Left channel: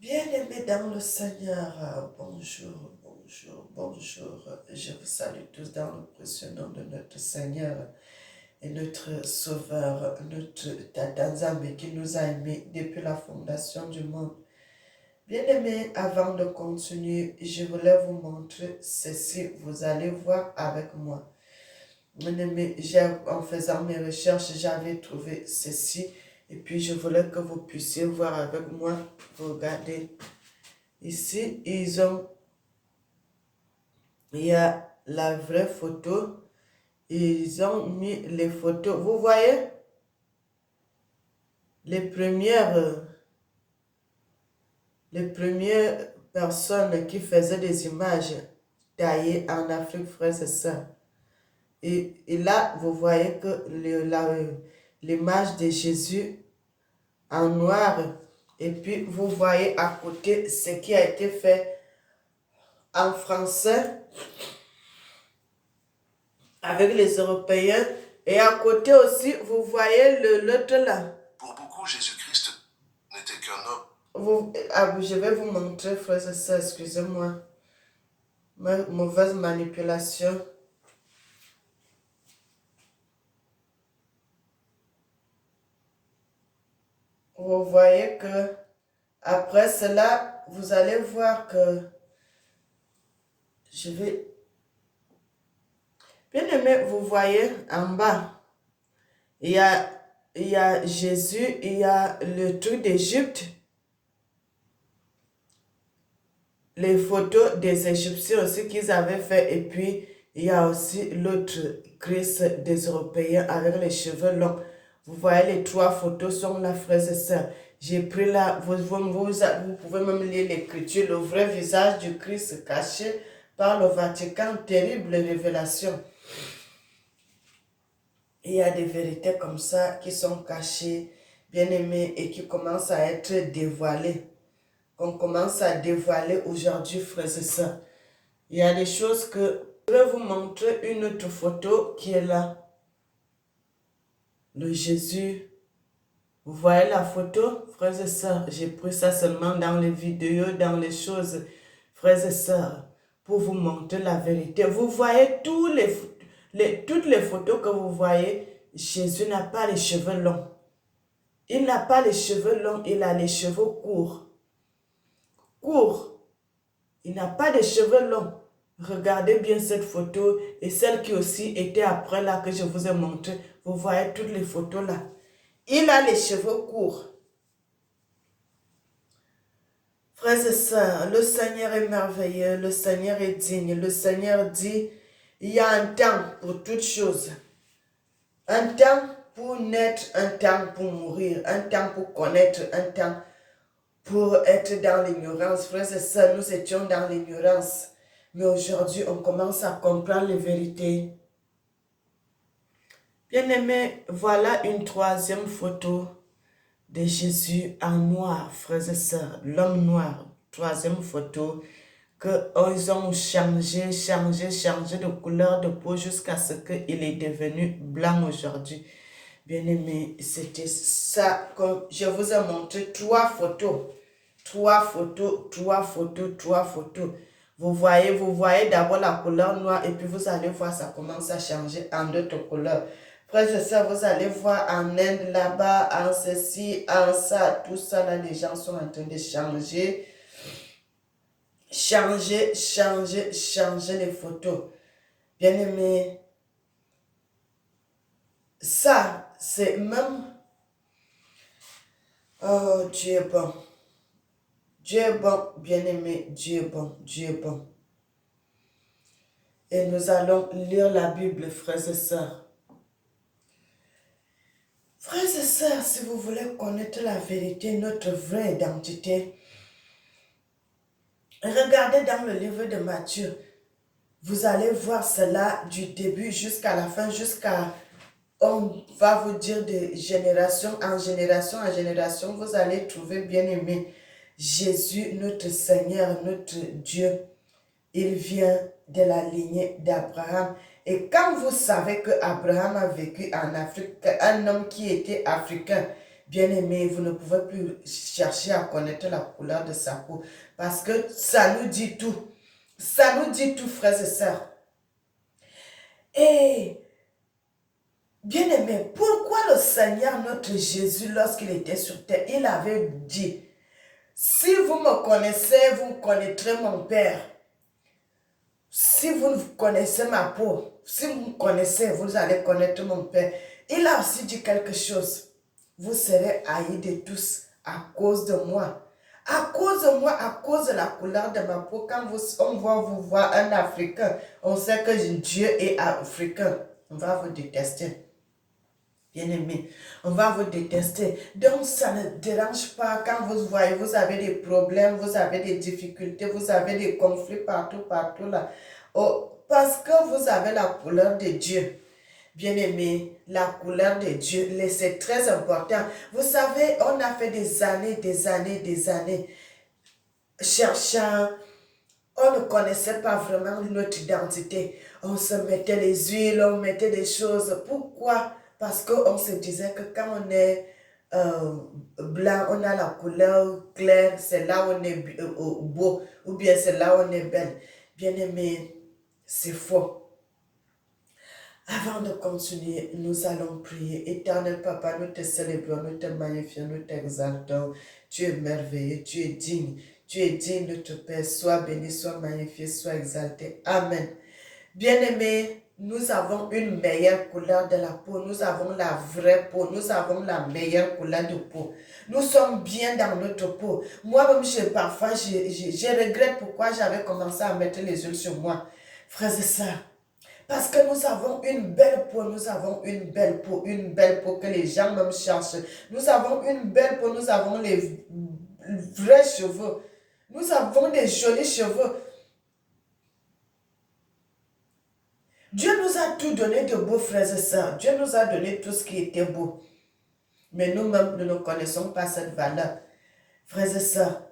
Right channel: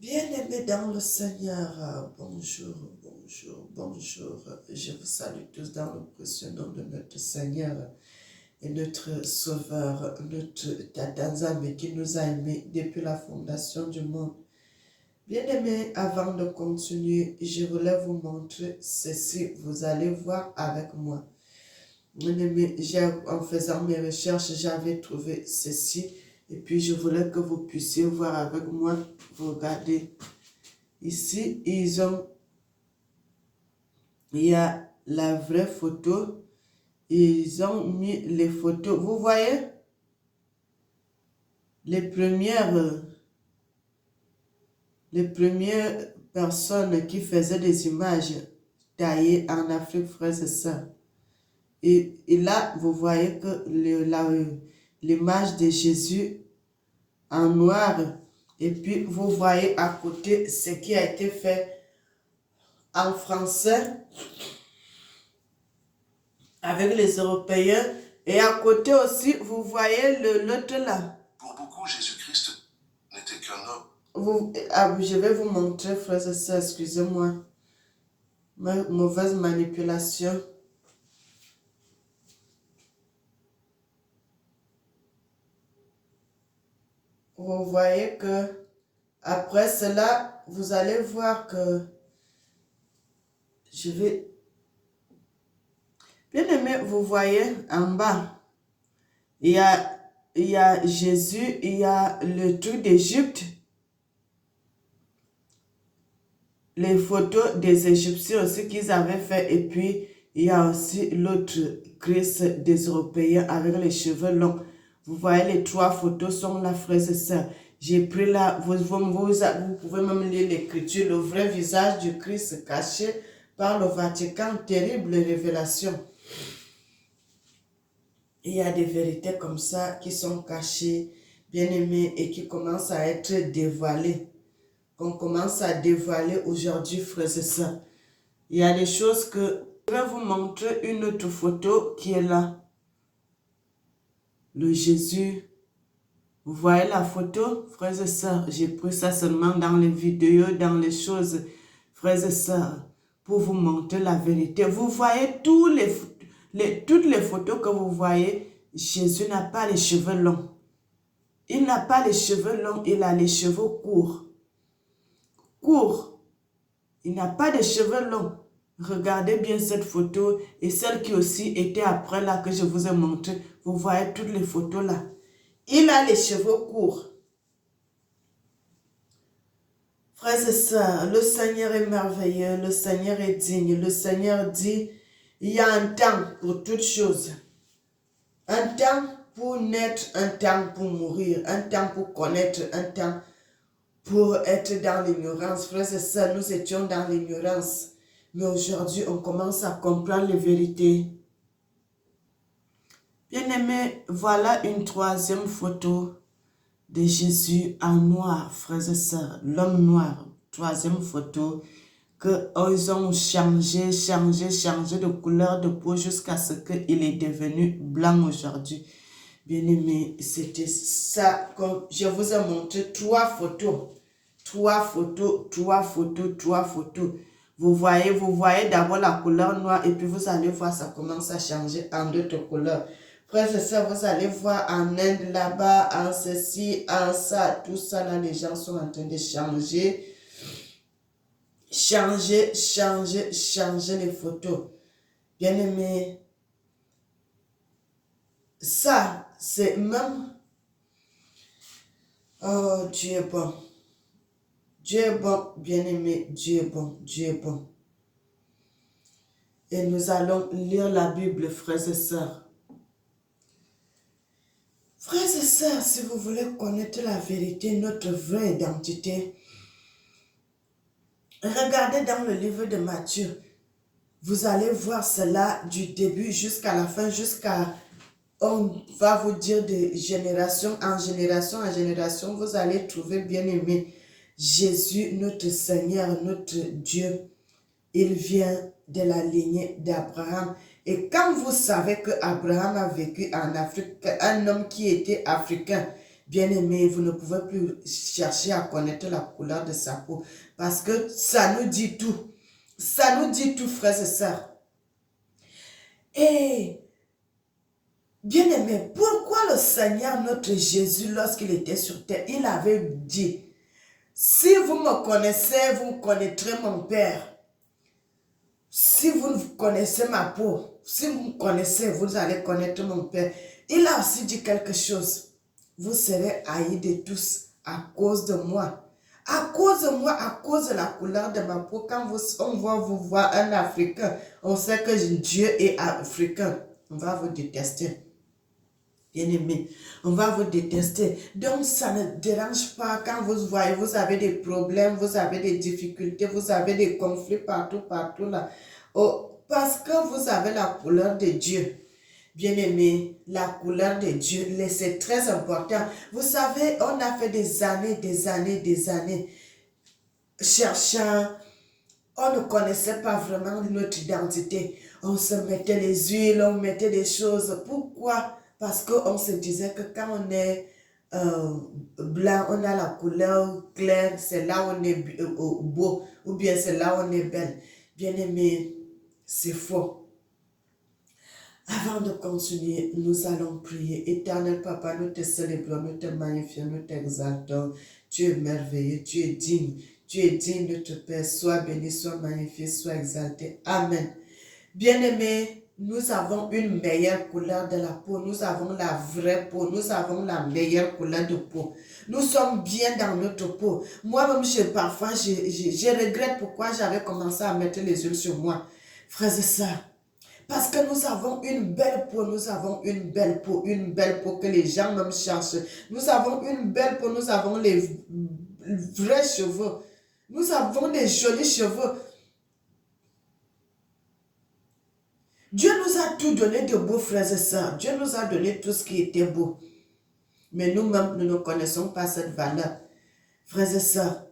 Bien-aimés dans le Seigneur, bonjour, bonjour, bonjour. Je vous salue tous dans le précieux nom de notre Seigneur et notre Sauveur, notre Tatanzambe qui nous a aimés depuis la fondation du monde. Bien-aimés, avant de continuer, je voulais vous montrer ceci. Vous allez voir avec moi. Bien-aimés, en faisant mes recherches, j'avais trouvé ceci. Et puis, je voulais que vous puissiez voir avec moi. Vous regardez. Ici, il y a la vraie photo. Ils ont mis les photos. Vous voyez, les premières personnes qui faisaient des images taillées en Afrique, frères et sœurs. Et là, vous voyez que l'image de Jésus en noir. Et puis, vous voyez à côté ce qui a été fait en français avec les Européens. Et à côté aussi, vous voyez l'autre là. Pour beaucoup, Jésus-Christ n'était qu'un homme. Je vais vous montrer, frères et sœurs, excusez-moi. Mauvaise manipulation. Vous voyez que après cela, vous allez voir que je vais... Bien aimé, vous voyez en bas, il y a Jésus, il y a le truc d'Égypte, les photos des Égyptiens aussi qu'ils avaient fait, et puis il y a aussi l'autre Christ des Européens avec les cheveux longs. Vous voyez, les trois photos sont là, frères et sœurs. J'ai pris là, vous pouvez même lire l'écriture, le vrai visage du Christ caché par le Vatican, terrible révélation. Il y a des vérités comme ça qui sont cachées, bien aimées, et qui commencent à être dévoilées. Qu'on commence à dévoiler aujourd'hui, frères et sœurs. Il y a des choses que... Je vais vous montrer une autre photo qui est là. Le Jésus. Vous voyez la photo, frères et sœurs? J'ai pris ça seulement dans les vidéos, dans les choses, frères et sœurs, pour vous montrer la vérité. Vous voyez toutes les photos que vous voyez, Jésus n'a pas les cheveux longs. Il n'a pas les cheveux longs, il a les cheveux courts. Courts. Il n'a pas de cheveux longs. Regardez bien cette photo et celle qui aussi était après là que je vous ai montré. Vous voyez toutes les photos là. Il a les cheveux courts. Frères et sœurs, le Seigneur est merveilleux, le Seigneur est digne. Le Seigneur dit, il y a un temps pour toutes choses. Un temps pour naître, un temps pour mourir, un temps pour connaître, un temps pour être dans l'ignorance. Frères et sœurs, nous étions dans l'ignorance. Mais aujourd'hui, on commence à comprendre les vérités. Bien-aimés, voilà une troisième photo de Jésus en noir, frères et sœurs, l'homme noir. Troisième photo, qu'ils ont changé de couleur de peau jusqu'à ce qu'il est devenu blanc aujourd'hui. Bien-aimés, c'était ça que je vous ai montré trois photos. Trois photos. Vous voyez d'abord la couleur noire et puis vous allez voir, ça commence à changer en d'autres couleurs. Frères et sœurs, vous allez voir en Inde, là-bas, en ceci, en ça, tout ça, là, les gens sont en train de changer. Changer les photos. Bien-aimés, ça, c'est même... Oh, Dieu est bon. Dieu est bon, bien-aimé, Dieu est bon, Dieu est bon. Et nous allons lire la Bible, frères et sœurs. Frères et sœurs, si vous voulez connaître la vérité, notre vraie identité, regardez dans le livre de Matthieu. Vous allez voir cela du début jusqu'à la fin, on va vous dire de génération en génération, vous allez trouver bien-aimé Jésus, notre Seigneur, notre Dieu. Il vient de la lignée d'Abraham. Et quand vous savez que Abraham a vécu en Afrique, un homme qui était africain, Bien-aimés, vous ne pouvez plus chercher à connaître la couleur de sa peau parce que ça nous dit tout. Ça nous dit tout, frères et sœurs. Et bien-aimés, pourquoi le Seigneur, notre Jésus, lorsqu'il était sur terre, il avait dit, si vous me connaissez, vous connaîtrez mon Père. Si vous connaissez ma peau, si vous me connaissez, vous allez connaître mon Père. Il a aussi dit quelque chose. Vous serez haïs de tous à cause de moi. À cause de moi, à cause de la couleur de ma peau. Quand on va vous voir un Africain, on sait que Dieu est africain. On va vous détester. Bien-aimé, on va vous détester. Donc, ça ne dérange pas quand vous voyez, vous avez des problèmes, vous avez des difficultés, vous avez des conflits partout là. Oh, parce que vous avez la couleur de Dieu. Bien-aimé, la couleur de Dieu, c'est très important. Vous savez, on a fait des années cherchant. On ne connaissait pas vraiment notre identité. On se mettait les huiles, on mettait des choses. Pourquoi? Parce qu'on se disait que quand on est blanc, on a la couleur claire, c'est là où on est beau, ou bien c'est là où on est belle. Bien-aimé, c'est faux. Avant de continuer, nous allons prier. Éternel Papa, nous te célébrons, nous te magnifions, nous t'exaltons. Tu es merveilleux, tu es digne. Tu es digne de te Père. Sois béni, sois magnifié, sois exalté. Amen. Bien-aimés, nous avons une meilleure couleur de la peau. Nous avons la vraie peau. Nous avons la meilleure couleur de peau. Nous sommes bien dans notre peau. Moi-même, parfois, je regrette pourquoi j'avais commencé à mettre les huiles sur moi. Frères et sœurs, parce que nous avons une belle peau, nous avons une belle peau que les gens même cherchent. Nous avons une belle peau, nous avons les vrais cheveux. Nous avons des jolis cheveux. Dieu nous a tout donné de beau, frères et sœurs. Dieu nous a donné tout ce qui était beau. Mais nous-mêmes, nous ne connaissons pas cette valeur. Frères et sœurs,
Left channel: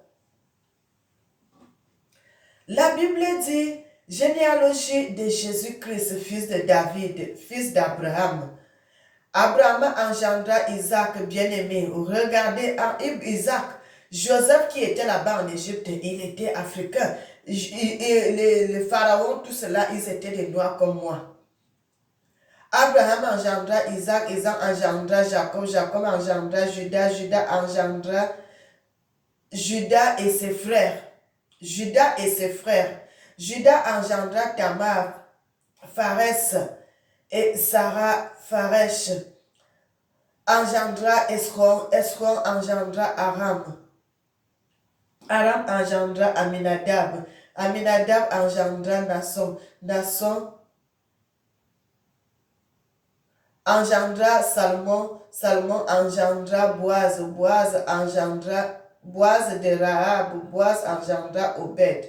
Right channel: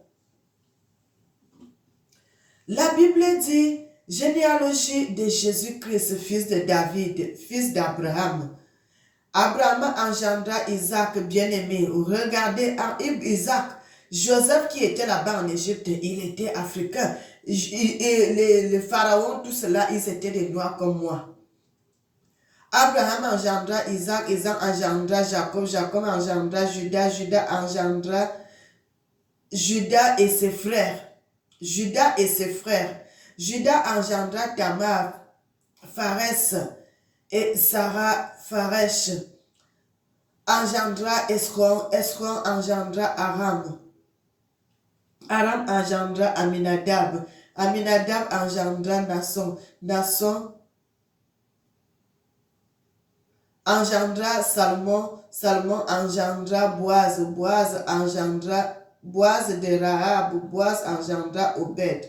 la Bible dit, généalogie de Jésus-Christ, fils de David, fils d'Abraham. Abraham engendra Isaac, bien-aimé. Regardez Isaac. Joseph qui était là-bas en Égypte, il était africain. Et les pharaons, tout cela, ils étaient des noirs comme moi. Abraham engendra Isaac, Isaac engendra Jacob, Jacob engendra Judas, Judas engendra Judas et ses frères. Judas et ses frères. Judas engendra Tamar, Pharès et Sarah Pharesh. Engendra Esron, Esron engendra Aram. Aram engendra Aminadab. Aminadab engendra Nasson. Nasson engendra Salmon. Salmon engendra Boaz. Boaz engendra Boaz de Rahab. Boaz engendra Obed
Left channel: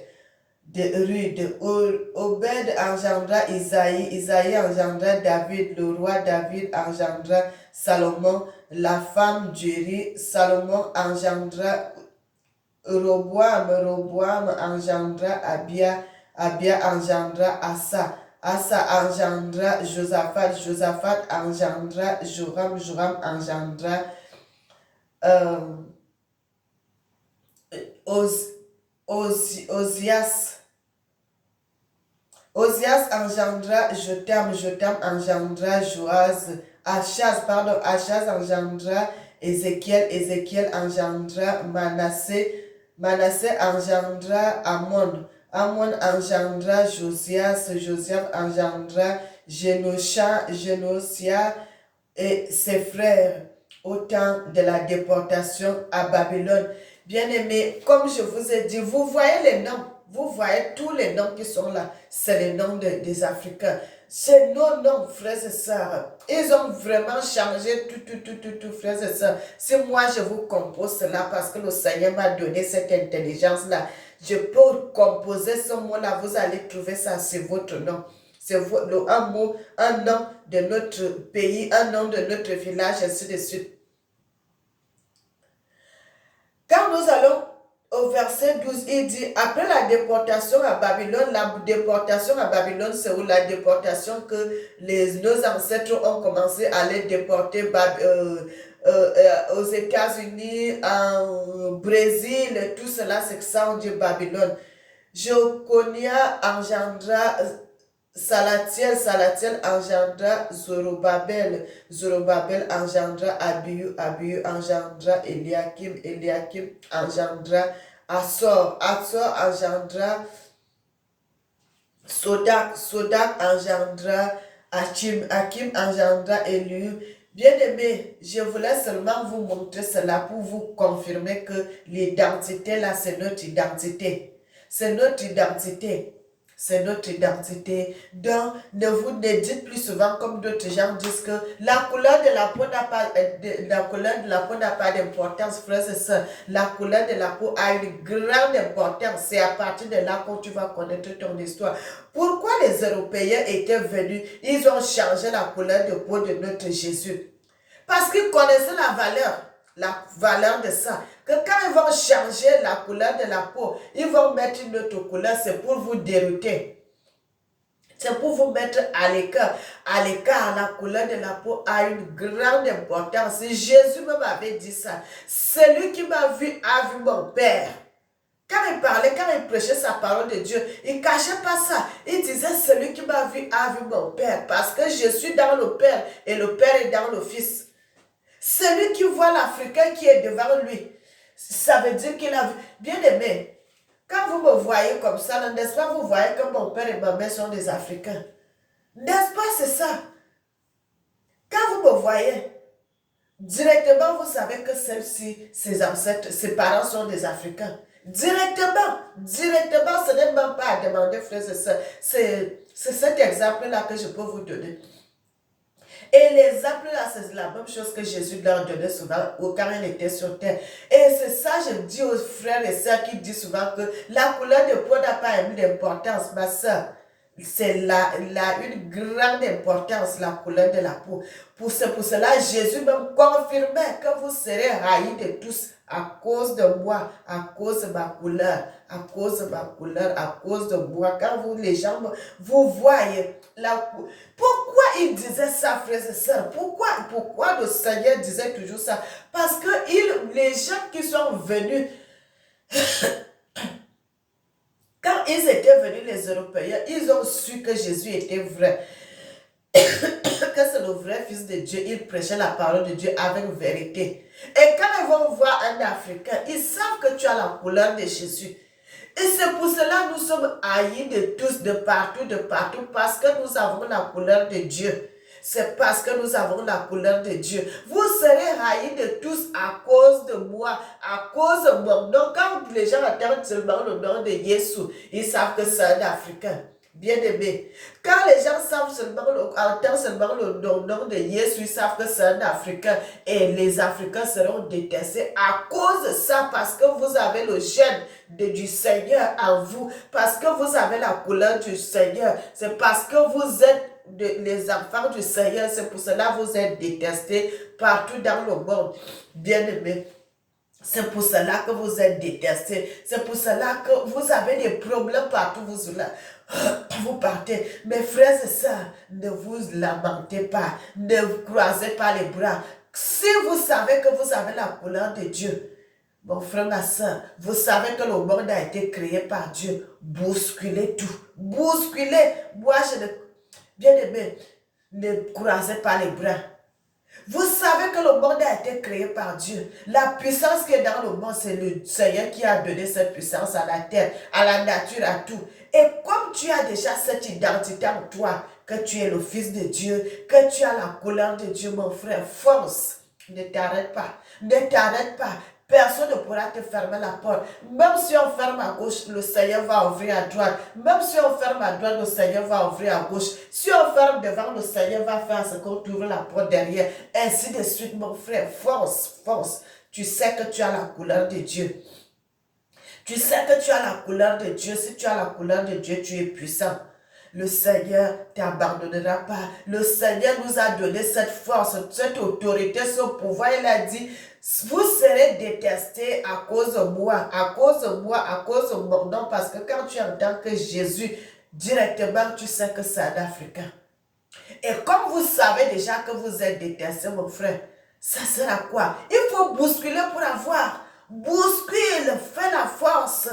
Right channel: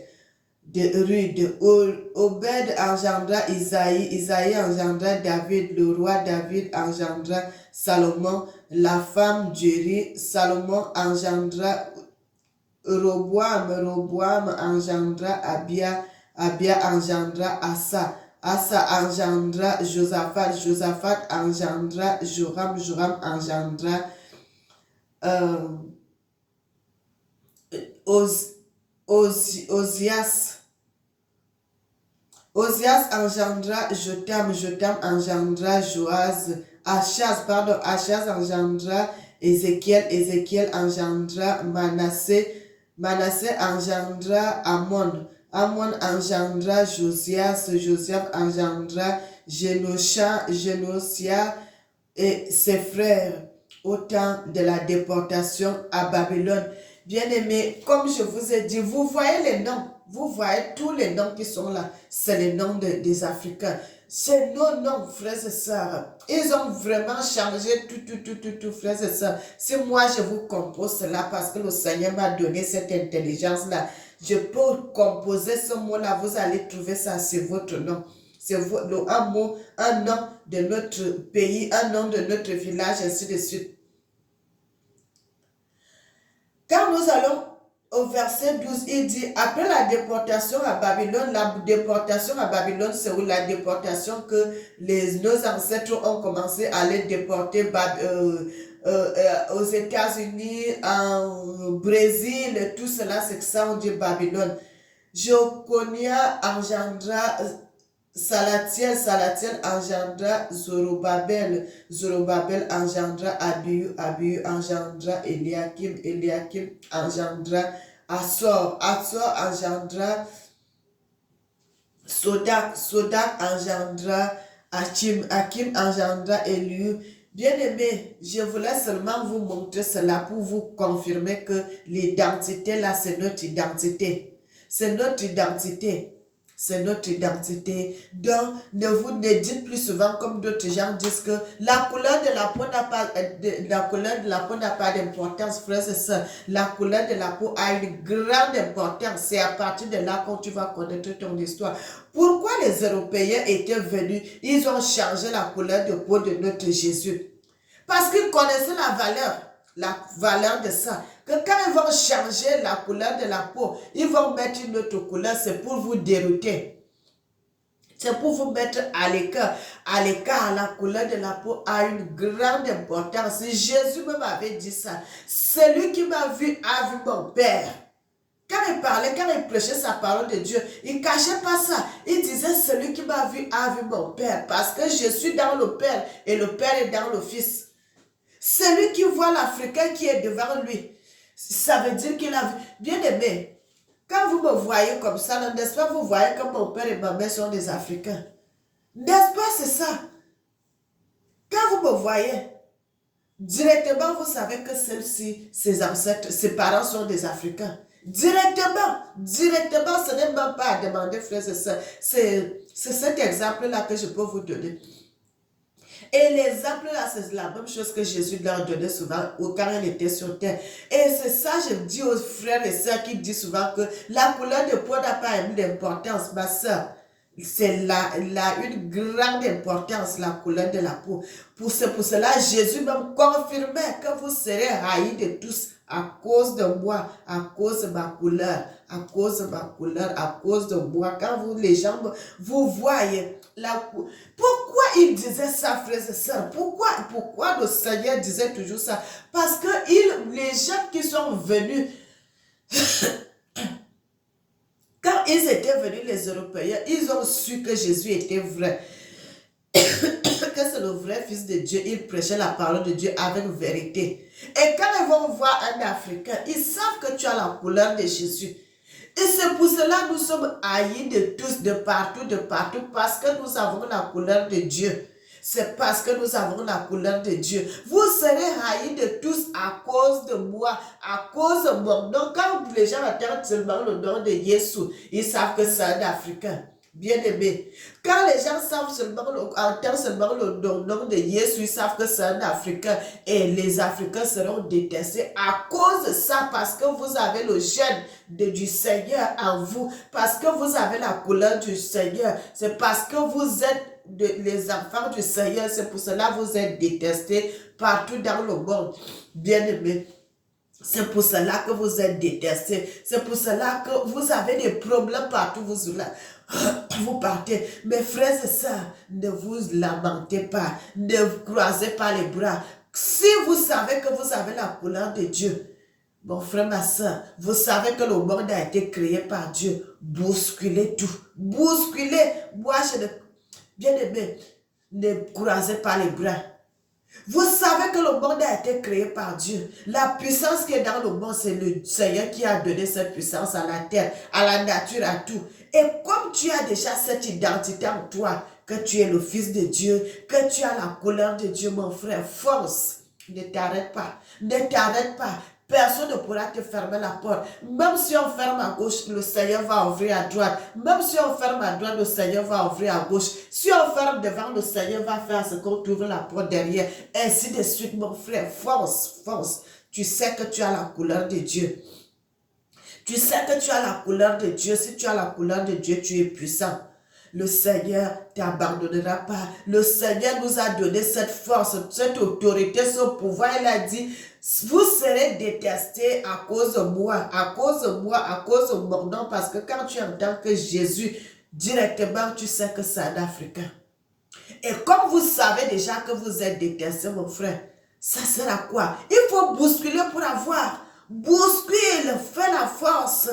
de Rude. Obed engendra Isaïe. Isaïe engendra David. Le roi David engendra Salomon. La femme d'Uri. Salomon engendra Roboam. Roboam engendra Abia. Abia engendra Asa. Asa engendra Josaphat. Josaphat engendra Joram. Joram engendra Ozias. Ozias engendra Jotam. Jotam engendra Joaz. Achaz engendra Ézéchiel. Ézéchiel engendra Manassé. Manassé engendra Amon. Amon engendra Josias. Josias engendra Génosia et ses frères au temps de la déportation à Babylone. Bien-aimés, comme je vous ai dit, vous voyez les noms. Vous voyez tous les noms qui sont là. C'est les noms des Africains. C'est nos noms, frères et sœurs. Ils ont vraiment changé tout, frères et sœurs. Si moi, je vous compose cela parce que le Seigneur m'a donné cette intelligence-là, je peux composer ce mot-là. Vous allez trouver ça, c'est votre nom. C'est un mot, un nom de notre pays, un nom de notre village, ainsi de suite. Quand nous allons au verset 12, il dit, après la déportation à Babylone, c'est où la déportation que nos ancêtres ont commencé à les déporter aux États-Unis, au Brésil, et tout cela, c'est que ça, on dit Babylone. Jeconia engendra Salatiel, Salatiel engendra Zorobabel, Zorobabel engendra Abiu, Abiu engendra Eliakim, Eliakim engendra Assor, Assor engendra Sodak, Sodak engendra Achim, Achim engendra Eliu. Bien-aimé, je voulais seulement vous montrer cela pour vous confirmer que l'identité là, c'est notre identité. C'est notre identité. C'est notre identité. Donc, ne dites plus souvent comme d'autres gens disent que la couleur de la peau n'a pas, la couleur de la peau n'a pas d'importance, frères et sœurs. La couleur de la peau a une grande importance. C'est à partir de là que tu vas connaître ton histoire. Pourquoi les Européens étaient venus? Ils ont changé la couleur de peau de notre Jésus. Parce qu'ils connaissaient la valeur de ça. Que quand ils vont changer la couleur de la peau, ils vont mettre une autre couleur, c'est pour vous dérouter. C'est pour vous mettre à l'écart. À l'écart, la couleur de la peau a une grande importance. Jésus même avait dit ça. Celui qui m'a vu a vu mon Père. Quand il parlait, quand il prêchait sa parole de Dieu, il ne cachait pas ça. Il disait, celui qui m'a vu a vu mon Père. Parce que je suis dans le Père et le Père est dans le Fils. Celui qui voit l'Africain qui est devant lui, ça veut dire qu'il a vu. Bien aimé, quand vous me voyez comme ça, n'est-ce pas, vous voyez que mon père et ma mère sont des Africains. N'est-ce pas, c'est ça? Quand vous me voyez, directement, vous savez que celle-ci, ses ancêtres, ses parents sont des Africains. Directement, ce n'est même pas à demander, frères et sœurs. C'est cet exemple-là que je peux vous donner. Et l'exemple là, c'est la même chose que Jésus leur donnait souvent quand il était sur terre. Et c'est ça, je dis aux frères et sœurs qui disent souvent que la couleur de peau n'a pas d'importance, ma sœur. C'est une grande importance, la couleur de la peau. C'est pour cela, Jésus même confirmait que vous serez haïs de tous à cause de moi, à cause de ma couleur, à cause de ma couleur, à cause de moi. Quand les gens vous voyez, pourquoi il disait ça, frères et sœurs? Pourquoi le Seigneur disait toujours ça? Parce que les gens qui sont venus, quand ils étaient venus, les Européens, ils ont su que Jésus était vrai. Que c'est le vrai Fils de Dieu. Ils prêchaient la parole de Dieu avec vérité. Et quand ils vont voir un Africain, ils savent que tu as la couleur de Jésus. Et c'est pour cela que nous sommes haïs de tous, de partout, parce que nous avons la couleur de Dieu. C'est parce que nous avons la couleur de Dieu. Vous serez haïs de tous à cause de moi, à cause de mon nom. Quand les gens entendent seulement le nom de Jésus, ils savent que c'est un Africain. Bien-aimé, quand les gens entendent seulement le nom de Jésus, ils savent que c'est un Africain et les Africains seront détestés à cause de ça, parce que vous avez le gène du Seigneur en vous, parce que vous avez la couleur du Seigneur, c'est parce que vous êtes les enfants du Seigneur, c'est pour cela que vous êtes détestés partout dans le monde. Bien-aimé, c'est pour cela que vous êtes détestés. C'est pour cela que vous avez des problèmes partout. Vous partez. Mes frères et sœurs, ne vous lamentez pas. Ne croisez pas les bras. Si vous savez que vous avez la couleur de Dieu, mon frère, ma soeur, vous savez que le monde a été créé par Dieu. Bousculez tout. Bousculez. Moi, bien-aimé, ne croisez pas les bras. Vous savez que le monde a été créé par Dieu. La puissance qui est dans le monde, c'est le Seigneur qui a donné cette puissance à la terre, à la nature, à tout. Et comme tu as déjà cette identité en toi, que tu es le Fils de Dieu, que tu as la couleur de Dieu, mon frère, force. Ne t'arrête pas. Ne t'arrête pas. Personne ne pourra te fermer la porte. Même si on ferme à gauche, le Seigneur va ouvrir à droite. Même si on ferme à droite, le Seigneur va ouvrir à gauche. Si on ferme devant, le Seigneur va faire ce qu'on ouvre la porte derrière. Ainsi de suite, mon frère. Force, force. Tu sais que tu as la couleur de Dieu. Tu sais que tu as la couleur de Dieu. Si tu as la couleur de Dieu, tu es puissant. Le Seigneur ne t'abandonnera pas. Le Seigneur nous a donné cette force, cette autorité, ce pouvoir. Il a dit, vous serez détestés à cause de moi, à cause de moi, à cause de mon nom. Parce que quand tu entends que Jésus, directement, tu sais que c'est un Africain. Et comme vous savez déjà que vous êtes détestés, mon frère, Ça sert à quoi? Il faut bousculer pour avoir. Bouscule, fais la force.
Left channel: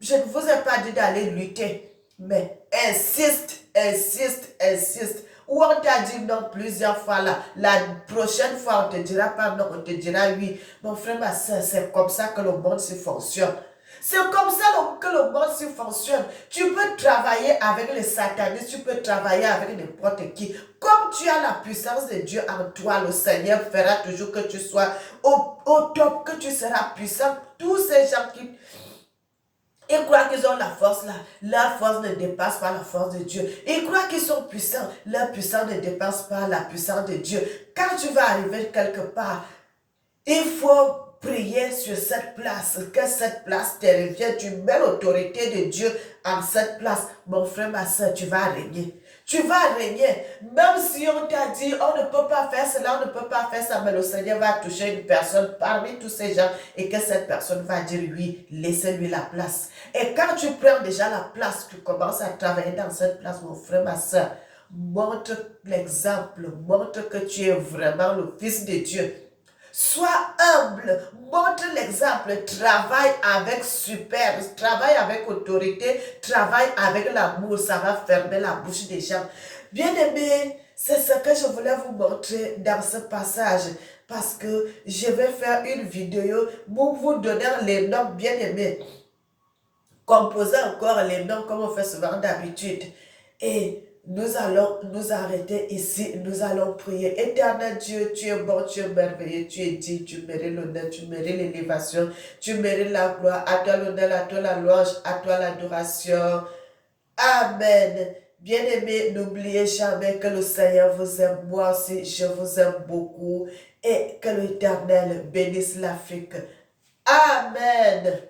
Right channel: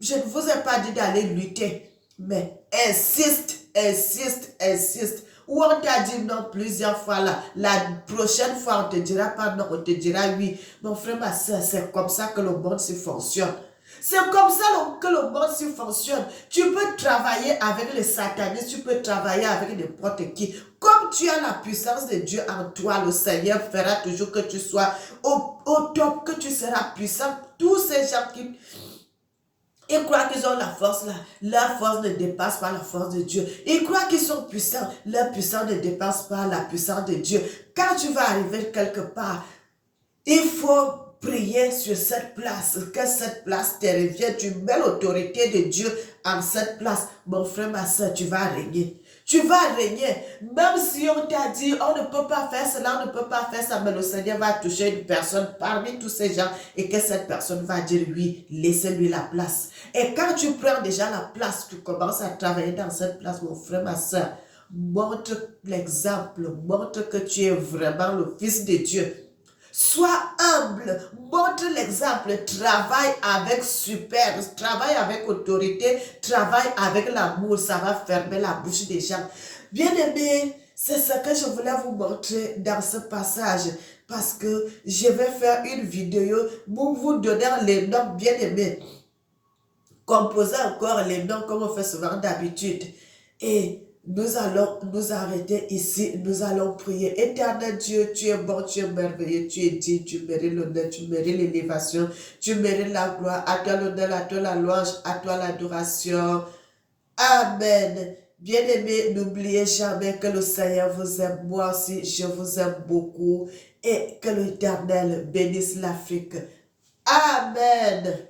Je ne vous ai pas dit d'aller lutter, mais insiste, insiste, insiste. Ou on t'a dit non plusieurs fois là. La prochaine fois, on te dira pas non, on te dira oui. Mon frère, ma soeur, c'est comme ça que le monde se fonctionne. C'est comme ça que le monde se fonctionne. Tu peux travailler avec les satanistes, tu peux travailler avec n'importe qui. Comme tu as la puissance de Dieu en toi, le Seigneur fera toujours que tu sois au top, que tu seras puissant. Tous ces gens qui ils croient qu'ils ont la force là. Leur force ne dépasse pas la force de Dieu. Ils croient qu'ils sont puissants. Leur puissance ne dépasse pas la puissance de Dieu. Quand tu vas arriver quelque part, il faut prier sur cette place, que cette place te revienne. Tu mets l'autorité de Dieu en cette place. Mon frère, ma soeur, tu vas régner. Tu vas régner. Même si on t'a dit, on ne peut pas faire cela, on ne peut pas faire ça, mais le Seigneur va toucher une personne parmi tous ces gens et que cette personne va dire oui, laissez-lui la place. Et quand tu prends déjà la place, tu commences à travailler dans cette place, mon frère, ma soeur, montre l'exemple, montre que tu es vraiment le Fils de Dieu. Sois humble, montre l'exemple, travaille avec super, travaille avec autorité, travaille avec l'amour, ça va fermer la bouche des gens. Bien-aimés, c'est ce que je voulais vous montrer dans ce passage parce que je vais faire une vidéo pour vous donner les noms bien-aimés. Composer encore les noms comme on fait souvent d'habitude. Et nous allons nous arrêter ici, nous allons prier. Éternel Dieu, tu es bon, tu es merveilleux, tu es digne, tu mérites l'honneur, tu mérites l'élévation, tu mérites la gloire. À toi l'honneur, à toi la louange, à toi l'adoration. Amen. Bien-aimés, n'oubliez jamais que le Seigneur vous aime. Moi aussi, je vous aime beaucoup. Et que l'Éternel bénisse l'Afrique. Amen.